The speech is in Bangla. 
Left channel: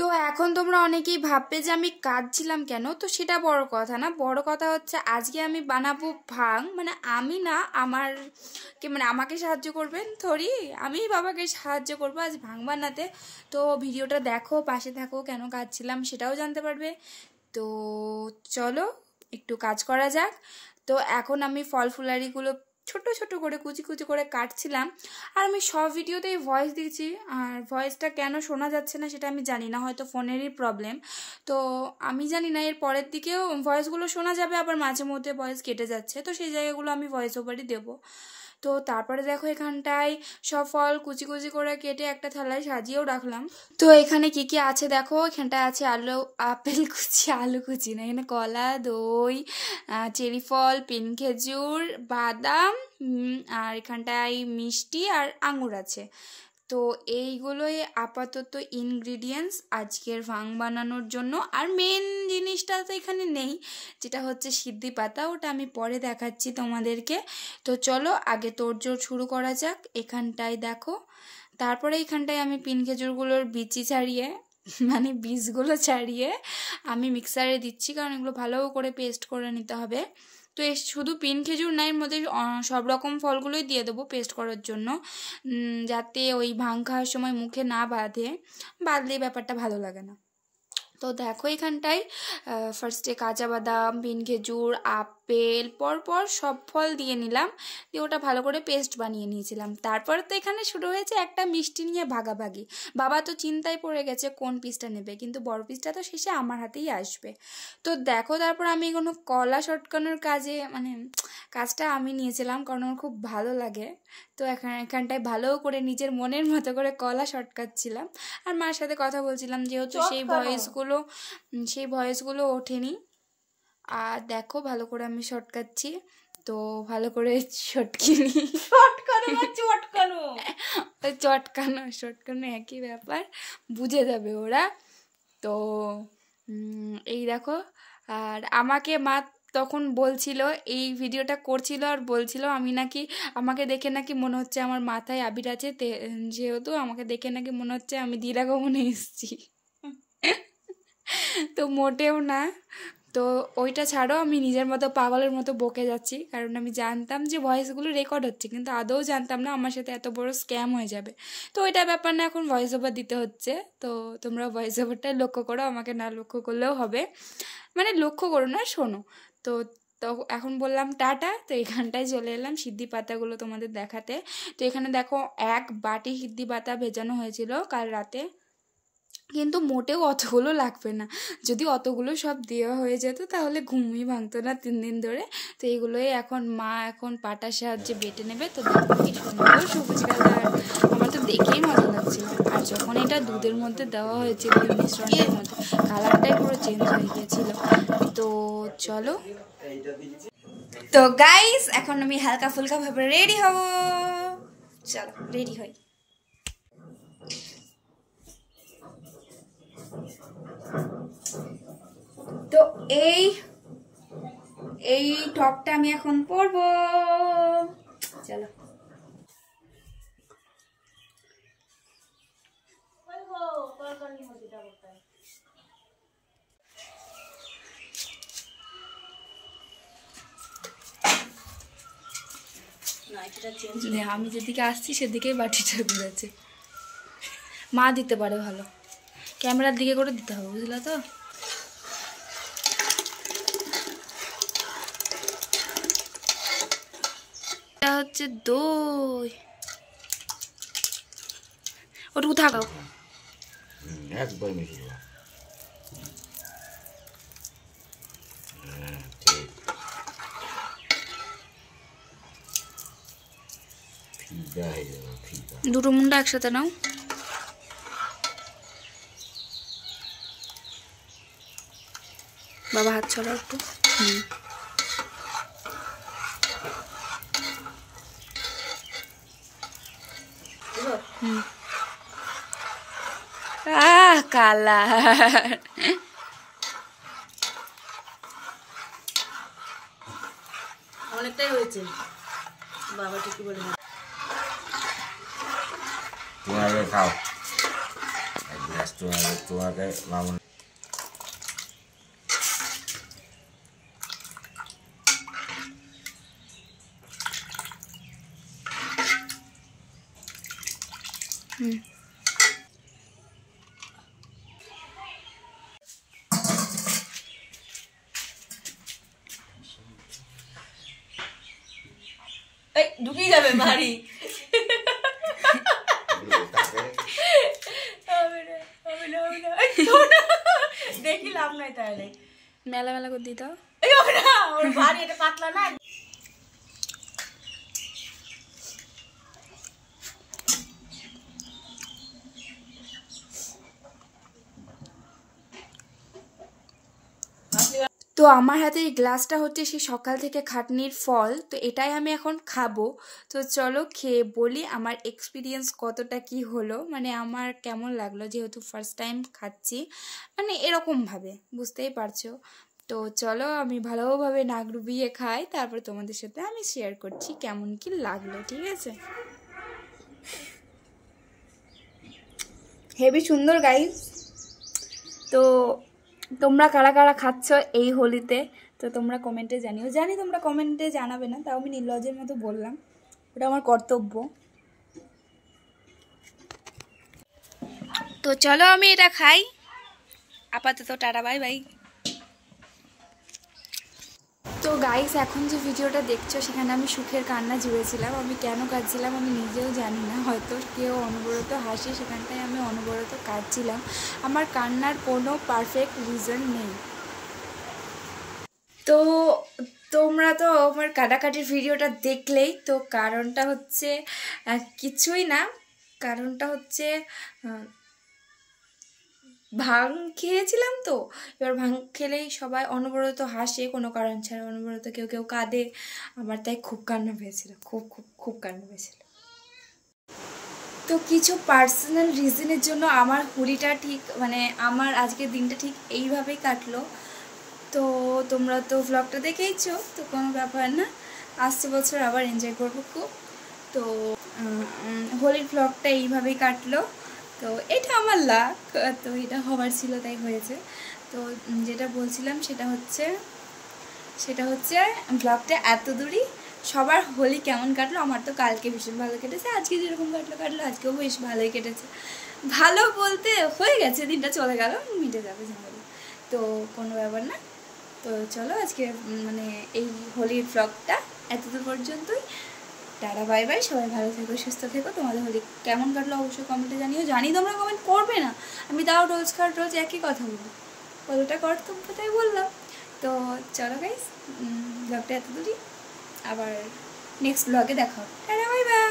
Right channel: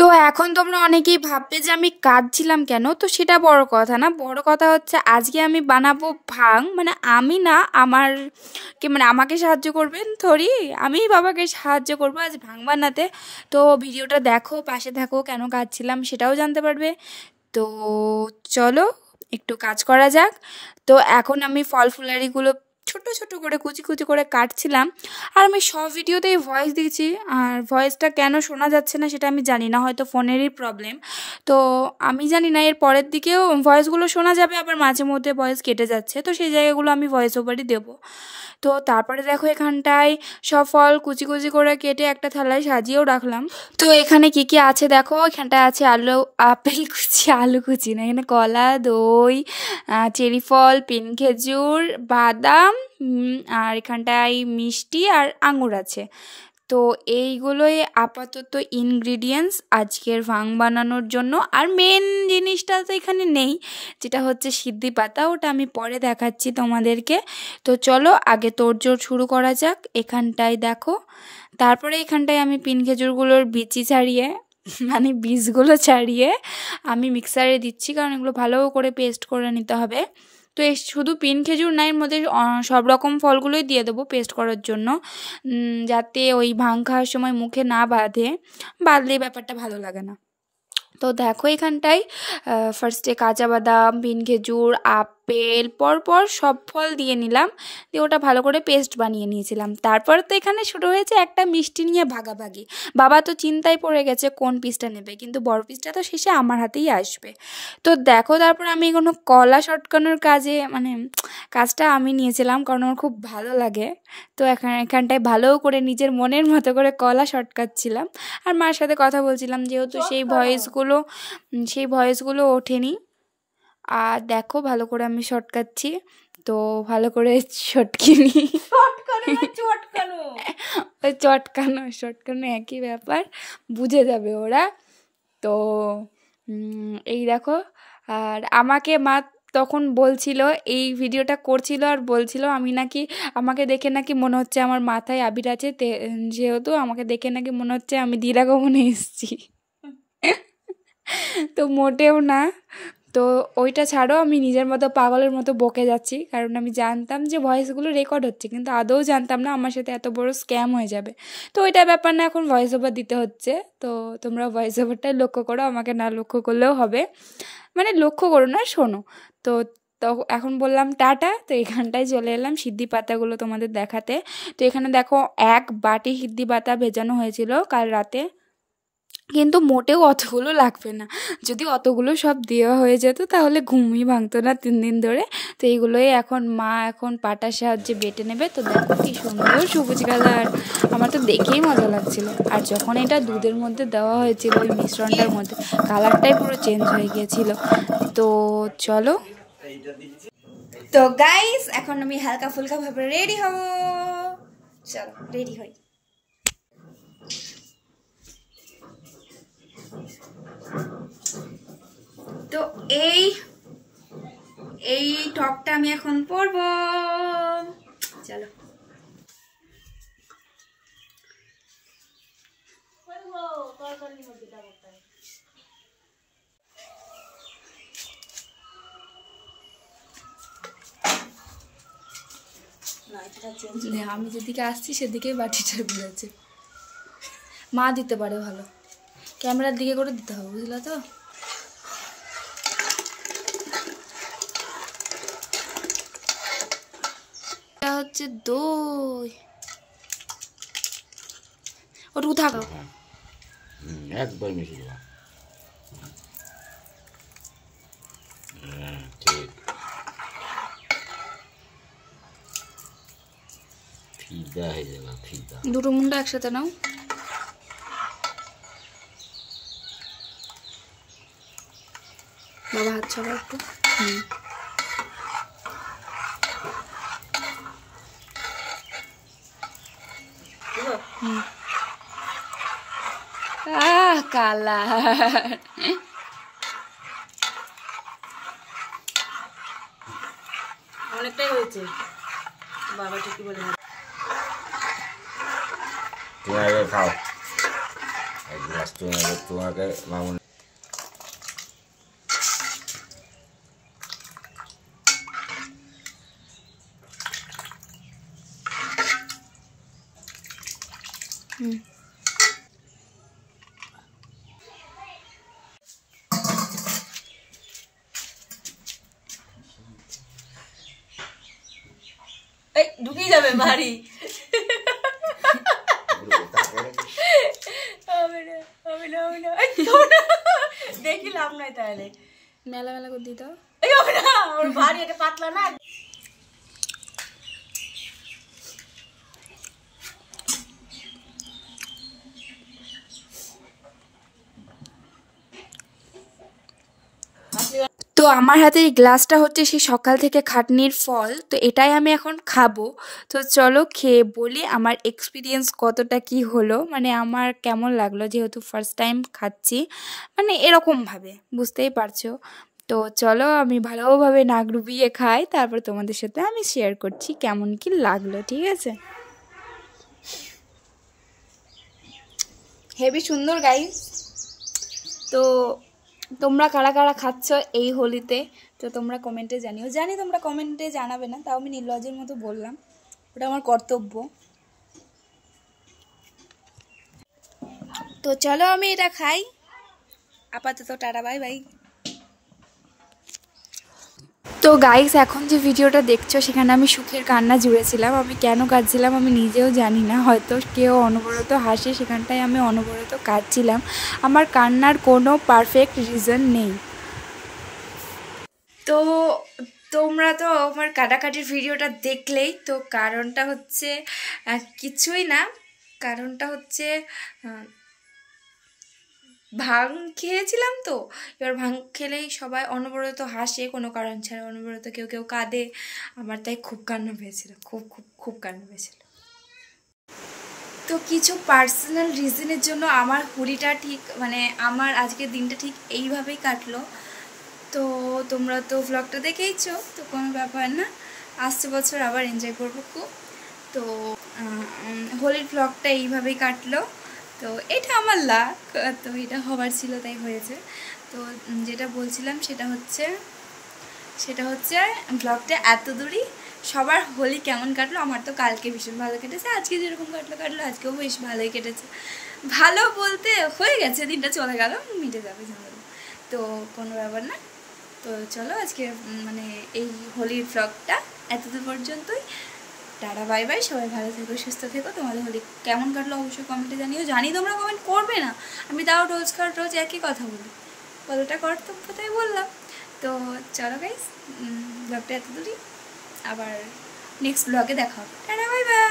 তো এখন তোমরা অনেকেই ভাববে যে আমি কাঁদছিলাম কেন, তো সেটা বড় কথা না। বড় কথা হচ্ছে আজকে আমি বানাবো ভাং, মানে আমি না, আমার কি মানে আমাকে সাহায্য করবেন থরি, আমি বাবাকে সাহায্য করবো আজ ভাং বানাতে। তো ভিডিওটা দেখো, পাশে থাকো, কেন কাঁদছিলাম সেটাও জানতে পারবে। তো চলো একটু কাজ করা যাক। তো এখন আমি ফল ফুলারিগুলো ছোট ছোট করে কুচি কুচি করে কাটছিলাম। আর আমি সব ভিডিওতেই ভয়েস দিয়েছি, আর ভয়েসটা কেন শোনা যাচ্ছে না সেটা আমি জানি না, হয়তো ফোনেরই প্রবলেম। তো আমি জানি না, এর পরের দিকেও ভয়েসগুলো শোনা যাবে, আবার মাঝে মধ্যে ভয়েস কেটে যাচ্ছে, তো সেই জায়গাগুলো আমি ভয়েস ওভারই দেবো। তো তারপরে দেখো এখানটায় সব ফল কুচি কুচি করে কেটে একটা থালায় সাজিয়েও রাখলাম। তো এখানে কি কি আছে দেখো, এখানটায় আছে আলু, আপেল কুচি, আলু কুচি না, এখানে কলা, দই, চেরি ফল, পিন খেজুর, বাদাম, আর এখানটায় মিষ্টি আর আঙুর আছে। তো এইগুলোই আপাতত ইনগ্রিডিয়েন্টস আজকের ভাং বানানোর জন্য। আর মেন জিনিসটা তো এখানে নেই, যেটা হচ্ছে সিদ্ধি পাতা, ওটা আমি পরে দেখাচ্ছি তোমাদেরকে। তো চলো আগে তোড়জোড় শুরু করা যাক। এখানটায় দেখো, তারপরে এখানটায় আমি পিন খেজুরগুলোর বিচি ছাড়িয়ে মানে বীজগুলো ছাড়িয়ে আমি মিক্সারে দিচ্ছি, কারণ এগুলো ভালো করে পেস্ট করে নিতে হবে। তো এই শুধু পিন খেজুর না, এর মধ্যে সব রকম ফলগুলোই দিয়ে দেবো পেস্ট করার জন্য, যাতে ওই ভাং খাওয়ার সময় মুখে না বাঁধলে ব্যাপারটা ভালো লাগে না। তো দেখো এখানটায় ফার্স্টে কাঁচা বাদাম, পিন খেজুর, আপেল পরপর সব ফল দিয়ে নিলাম, দিয়ে ওটা ভালো করে পেস্ট বানিয়ে নিয়েছিলাম। তারপর তো এখানে শুরু হয়েছে একটা মিষ্টি নিয়ে ভাগাভাগি। বাবা তো চিন্তায় পড়ে গেছে কোন পিসটা নেবে, কিন্তু বড় পিসটা তো শেষে আমার হাতেই আসবে। তো দেখো তারপর আমি কোনো কলা শটকানোর কাজটা আমি নিয়েছিলাম, কারণ আমার খুব ভালো লাগে। তো এখানটায় ভালো করে নিজের মনের মতো করে কলা শটকাচ্ছিলাম, আর মার সাথে কথা বলছিলাম, যেহেতু সেই ভয়েসগুলো ওঠেনি। আর দেখো ভালো করে আমি শটকাচ্ছি, তো ভালো করে শটকিনি, শটকানো একই ব্যাপার, বুঝে যাবে ওরা। তো এই দেখো, আর আমাকে মা তখন বলছিল, এই ভিডিওটা করছিল আর বলছিল আমাকে দেখে নাকি মনে হচ্ছে আমার মাথায় আবির আছে, যেহেতু আমাকে দেখে নাকি মনে হচ্ছে আমি দিরাগমনে এসেছি। তো মোটেও না। তো ওইটা ছাড়ো, আমি নিজের মতো পাগলের মতো বকে যাচ্ছি, কারণ আমি জানতাম যে ভয়েসগুলো রেকর্ড হচ্ছে, কিন্তু আদৌ জানতাম না আমার সাথে এত বড় স্ক্যাম হয়ে যাবে। তো ওইটা ব্যাপার না, এখন ভয়েস ওভার দিতে হচ্ছে। তো তোমরা ভয়েস ওভারটাই লক্ষ্য করো, আমাকে না লক্ষ্য করলেও হবে, মানে লক্ষ্য করো না, শোনো। তো তো এখন বললাম টাটা। তো এখানটায় চলে এলাম সিদ্ধি পাতাগুলো তোমাদের দেখাতে। তো এখানে দেখো 1 বাটি সিদ্ধি পাতা ভেজানো হয়েছিল কাল রাতে, কিন্তু মোটেও অতগুলো লাগবে না। যদি অতগুলো সব দেওয়া হয়ে যেত তাহলে ঘুমই ভাঙতো না 3 দিন ধরে। তো এইগুলোই এখন মা পাটার সাহায্যে বেটে নেবে। তো দেখো কি সুন্দর সবুজ কালার, আমার তো দেখেই মজা লাগছিল। আর যখন এটা দুধের মধ্যে দেওয়া হয়েছিল ওই মিশ্রণটার মধ্যে, কালারটাই পুরো চেঞ্জ হয়ে গিয়েছিল। তো চলো, তো গাইস এখন আমি হালকা ফুলকা ভাবে রেডি হব। চলো রেডি হই। তো এই টপটা আমি এখন পরবো, চলো। আমি যেদিকে আসছি সেদিকেই বাটিটা ঘুরেছে। মা দিতে পারে ভালো, ক্যামেরার দিকে করে দিতে হবে, বুঝলা তো। এটা হচ্ছে দই, ওটুকু থাকাও একবার মিশিয়ে দাও। দুটো মুন্ডা একসাথে নাও। বাবা হাত ছড়াও একটু। কালার অনেকটাই হয়েছে, বাবা ঠিকই বলে। তুমি আগে খাও। এক গ্লাস তোমাকে মামুন এই ঢুকিয়ে যাবে বাড়ি। দেখি লাভ নাই তাহলে, মেলা মেলা করে দিত। এই হবে না, ওর বাড়ি এটা পাতলা না। তো আমার হাতে এই গ্লাসটা হচ্ছে সেই সকাল থেকে খাটনির ফল, তো এটাই আমি এখন খাবো। তো চলো খেয়ে বলি আমার এক্সপিরিয়েন্স কতটা কি হলো, মানে আমার কেমন লাগলো, যেহেতু ফার্স্ট টাইম খাচ্ছি মানে এরকমভাবে, বুঝতেই পারছো। তো চলো আমি ভালোভাবে নাক ডুবিয়ে খাই, তারপর তোমাদের সাথে আমি শেয়ার করছি কেমন কি লাগলো, ঠিক আছে। হেবি সুন্দর গাইস। তো তোমরা কারা কারা খাচ্ছ এই হোলিতে, তো তোমরা কমেন্টে জানিও। জানি তোমরা কমেন্টে জানাবে না, তাও আমি নির্লজ্জের মতো বললাম, ওটা আমার কর্তব্য। তো চলো আমি এটা খাই, আপাতত টাটা বাই বাই। তো গাইস এখন যে ভিডিওটা দেখছো সেখানে আমি সুখের কান্না জুড়েছিলাম। আমি কেন কাঁদছিলাম আমি নিজেও জানি না, হয়তো কেউ অনবরত হাসে সেখানটায় আমি অনবরত কাঁদছিলাম। আমার কান্নার কোনো পারফেক্ট রিজন নেই। তো তোমরা তো আমার কাটাকাটির ভিডিওটা দেখলেই, তো কারণটা হচ্ছে কিছুই না, কারণটা হচ্ছে ভাং খেয়েছিলাম। তো এবার ভাং খেলেই সবাই অনবরত হাসে কোনো কারণ ছাড়া, অনবরত কেউ কেউ কাঁদে, আমার তাই খুব কান্না পেয়েছিল, খুব খুব খুব কান্না পেয়েছিল। তো কিছু পার্সোনাল রিজনের জন্য আমার হোলিটা ঠিক মানে আমার আজকের দিনটা ঠিক এইভাবেই কাটলো। তো তোমরা তো ভ্লগটা দেখেইছো, তো কোনো ব্যাপার না, আসছে বছর আবার এনজয় করবো খুব। তো হোলির ভ্লগটা এইভাবেই কাটলো। তো এটা আমার লাক, তো এটা হবার ছিল তাই হয়েছে। তো যেটা বলছিলাম সেটা হচ্ছে ব্লগটা এত দূরই। সবার হোলি কেমন কাটলো, আমার তো কালকে ভীষণ ভালো কেটেছে, আজকে যেরকম কাটলো আজকেও বেশ ভালোই কেটেছে। ভালো বলতে হয়ে গেছে, দিনটা চলে গেল, মিটে যাবে ঝামেলা, তো কোনো ব্যাপার না। তো চলো আজকে মানে এই হোলির ভ্লগটা এতদূর পর্যন্তই। টাটা বাই বাই, সবাই ভালো থেকো সুস্থ থেকো। তোমাদের হোলি কেমন কাটলো অবশ্যই কমেন্টে জানিও। জানি তোমরা কমেন্ট করবে না, আমি তাও রোজ একই কথা বলি, কতটা কর্তব্য তাই বললাম। তো চলো গাইস, ব্লগটা এত দূরই, আবার নেক্সট ব্লগে দেখা হবে। Tata bye bye.